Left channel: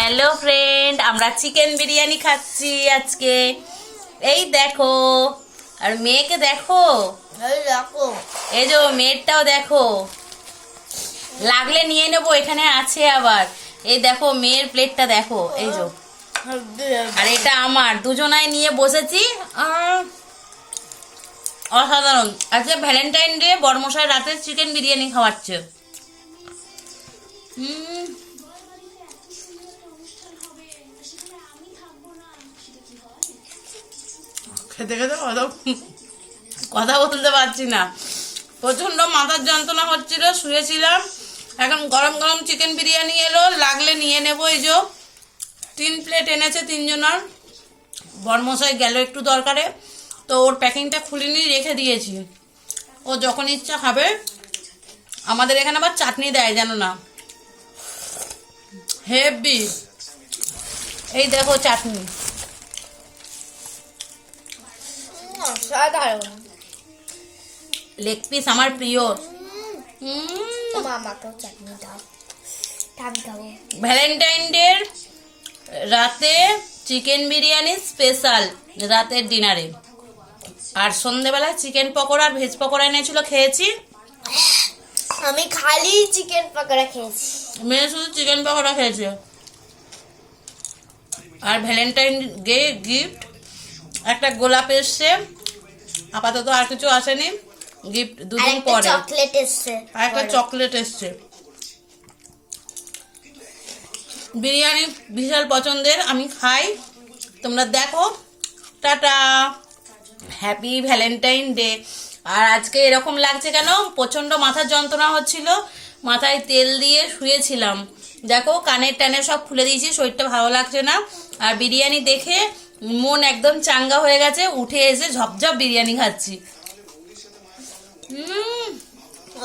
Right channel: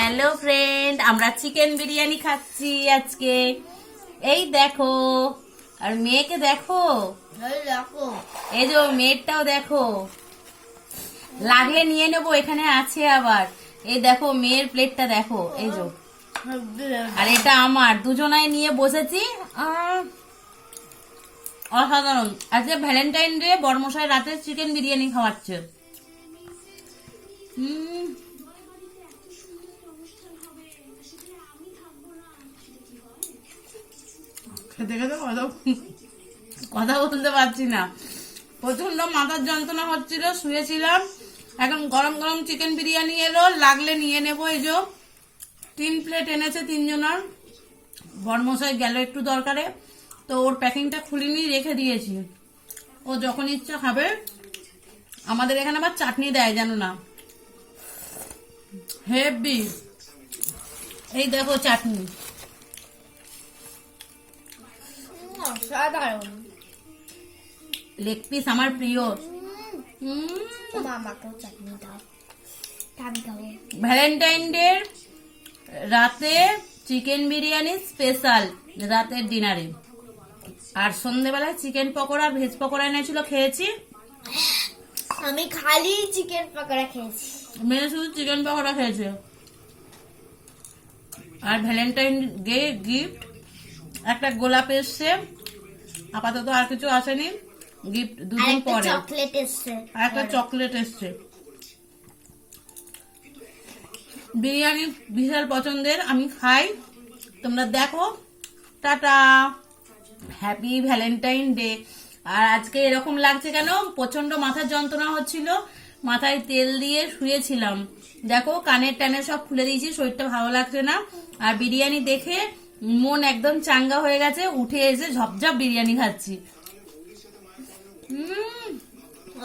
Hello friend, আমরা chicken biryani খাচ্ছি আজকে। এই দেখো, আর মেয়েকে দেখো, এই যে মেয়েরটাও দেখো। লাগলে নিয়ে নেবো, এখানে আছে আবার। এই দেখো মেয়ের প্লেটটা দেখো, এই যে। আর এটা আমার, দুজনাই নিয়ে বসেছি। অসাধারণ। আজকে ভ্যালেন্টাইন ডে, বড়মশাই রাতে চিকেন বিরিয়ানি খাওয়াচ্ছে। খেতে খেতে কথা বলতে পারছি না, প্রচন্ড মাথার যন্ত্রণা হচ্ছিল, শুয়েছিলাম। এখন গরম গরম চিকেন বিরিয়ানি এলো, লাগলে নিয়ে নেবো। এই যে 3 প্লেট এনেছে, 3 জনের। বড়মশাই গেল একটু দরকারে, তো ওর প্যাকিংটা খুলিনি, রেখে দিয়েছি। ও যখন ইচ্ছা খাবে। আমাদের এখানে আবার চাটনি দেয়, জানো না, হেভি। এই দেখো চাটনি, লেগ পিস আমার প্রিয়। ভ্যালেন্টাইন ডে রাতে চিকেন বিরিয়ানি স্পেশাল, রাতের ডিনারে। আর সন্ধ্যেবেলায় চিকেন পকোড়া আর ভেজ পকোড়া এনেছিল, খেয়েছি। আমি খালি চিকেন পকোড়া খেয়েছি, মেয়ে শুধু চিকেন পকোড়া খেয়েছে। আর ভ্যালেন্টাইন ডে গিফট একটা গোলাপ এসছে, আপাতত আর কিছু আসেনি। গিফট দুদিন পরে চকলেট এসছে, আর একটা চকলেট এসছে। বিরিয়ানি বিশাল পছন্দের, আমি খাই। তোমরা দেখো। Tata, happy Valentine day. আর আজকে এরকম লাগছে কেন, প্রচন্ড মাথার যন্ত্রণা হচ্ছিল, মাথায় তেল দিয়ে শুয়েছিলাম। দেখো কানের টানের সব খুলে দিয়েছি, শরীরটা ভালো লাগছে না। আর বিরিয়ানি দেখে মন একদম চাঙ্গা হয়ে গেছে, উঠে এসে ঝপঝপ বিরিয়ানি খাচ্ছি।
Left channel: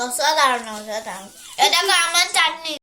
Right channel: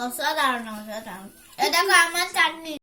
অসাধারণ অসাধারণ। এটা আমার চাটনি।